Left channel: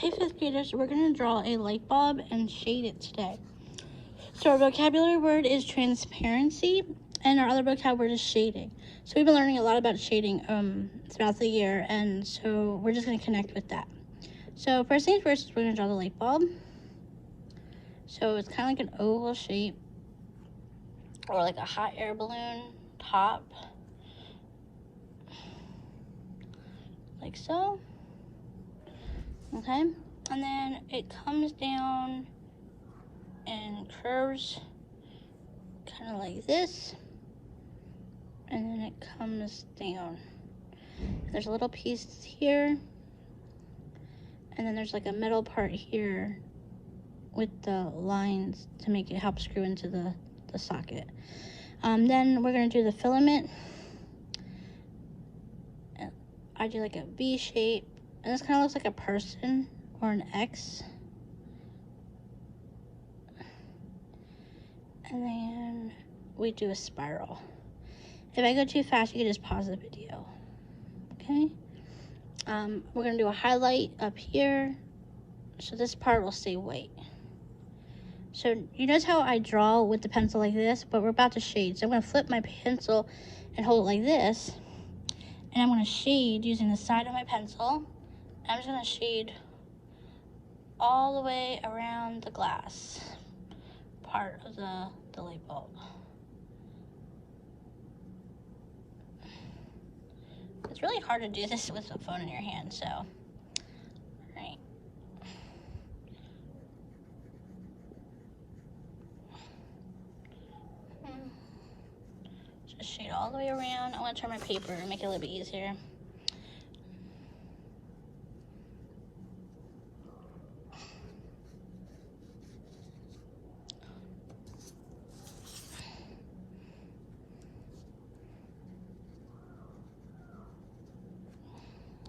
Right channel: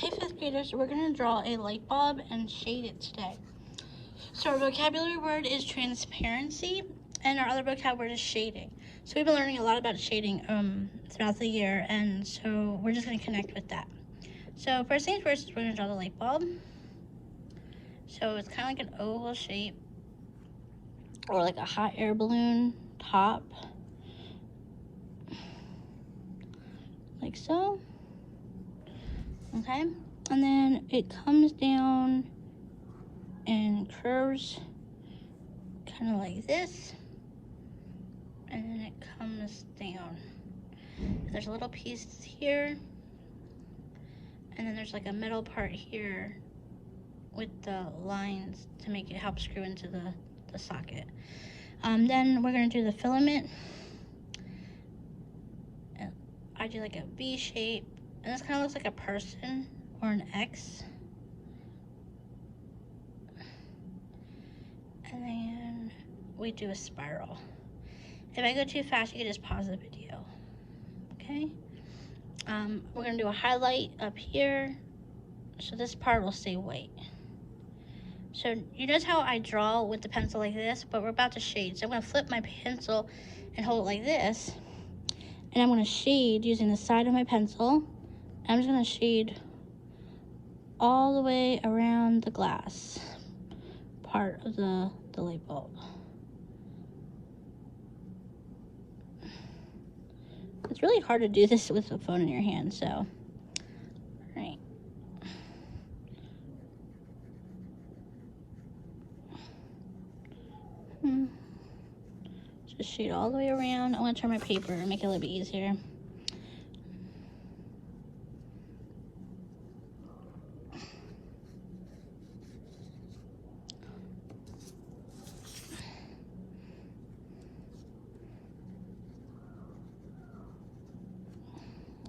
Hey fifth graders, we're going to draw a light bulb and shade it today. So our vocabulary word is transparency, and our other vocab word is shading. So we've been learning a lot about shading throughout the year, and so we're just going to connect with that. So first things first, we're going to draw the light bulb. So it's kind of like an oval shape, or like a hot air balloon top, like so. Okay, and then it comes down and curves kind of like this, and then it comes down. There's a little piece here, and then there's like a middle part here with the lines to make it help screw into the socket. Then we're going to do the filament. I do like a V shape, and this kind of looks like a person or an X. And then we do a spiral. If I go too fast, you can just pause the video. Okay? We're going to do a highlight up here, so this part will stay white. So you notice how I draw with the pencil like this, but we're about to shade. So I'm going to flip my pencil and hold it like this, and I'm going to shade using the side of my pencil. I'm just going to shade all the way around the glass part of the light bulb. It's really hard to do this with the phone in your hand, so, all right. Just shade all the way around. I want to turn my paper and make it a little bit easier.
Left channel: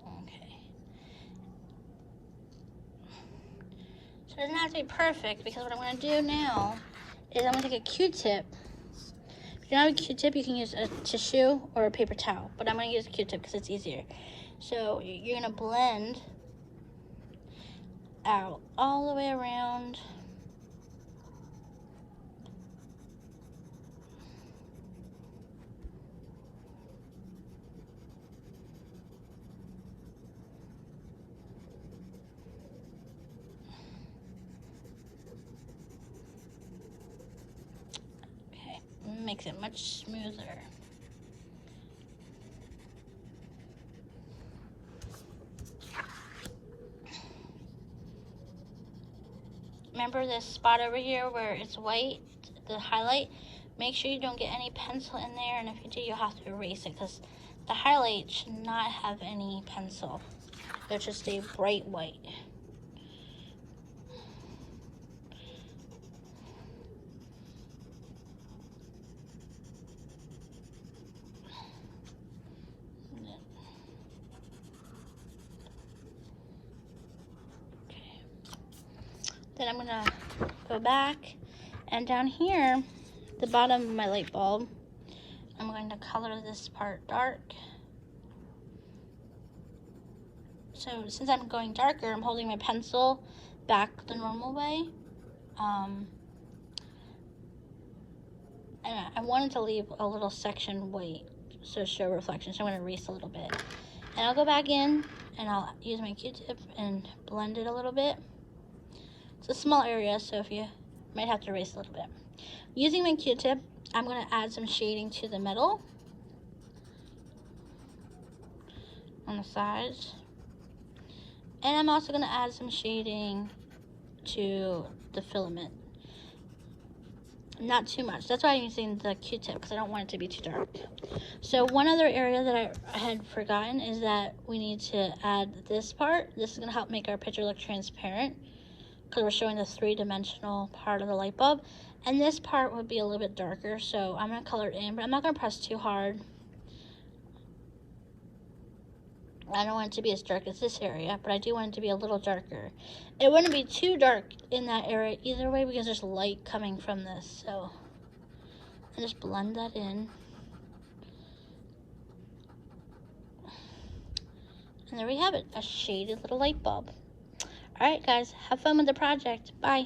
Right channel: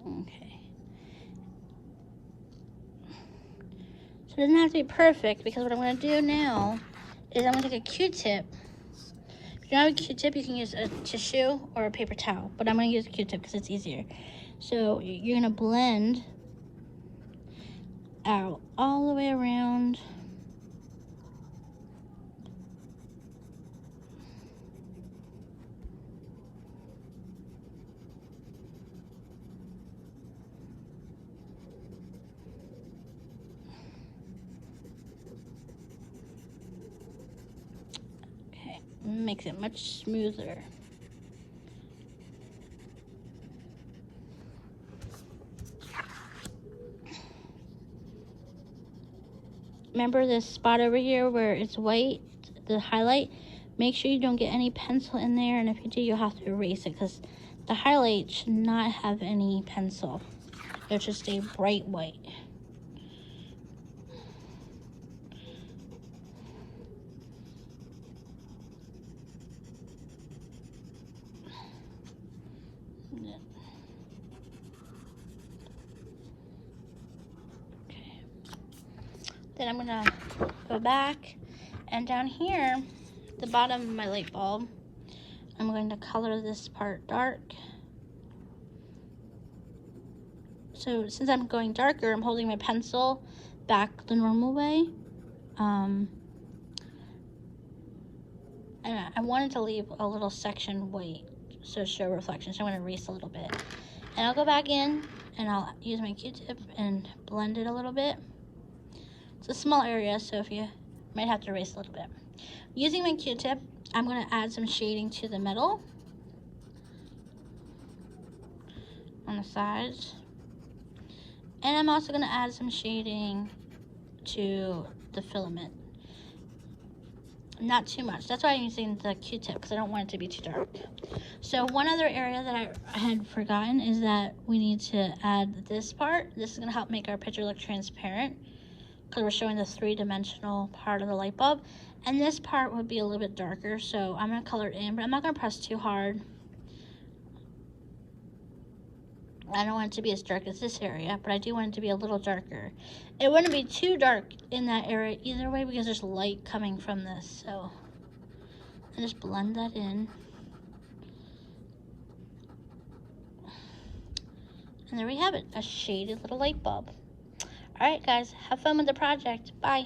Okay. So it doesn't have to be perfect, because what I'm going to do now is I'm going to take a Q-tip. If you don't have a Q-tip, you can use a tissue or a paper towel, but I'm going to use a Q-tip because it's easier. So you're going to blend out all the way around. Okay, makes it much smoother. Remember this spot over here where it's white, the highlight? Make sure you don't get any pencil in there, and if you do, you'll have to erase it, because the highlight should not have any pencil. It should stay bright white. Then I'm gonna go back, and down here, the bottom of my light bulb, I'm going to color this part dark. So since I'm going darker, I'm holding my pencil back the normal way. And I wanted to leave a little section white so show reflection, so I'm gonna erase a little bit. And I'll go back in, and I'll use my Q-tip and blend it a little bit. It's a small area, so if you might have to erase a little bit. Using my Q-tip, I'm going to add some shading to the middle, on the sides, and I'm also going to add some shading to the filament. Not too much. That's why I'm using the Q-tip, because I don't want it to be too dark. So one other area that I had forgotten is that we need to add this part. This is going to help make our picture look transparent, because we're showing the three-dimensional part of the light bulb. And this part would be a little bit darker, so I'm going to color it in, but I'm not going to press too hard. I don't want it to be as dark as this area, but I do want it to be a little darker. It wouldn't be too dark in that area either way, because there's light coming from this, so I just blend that in. And there we have it, a shaded little light bulb. Alright guys, have fun with the project. Bye.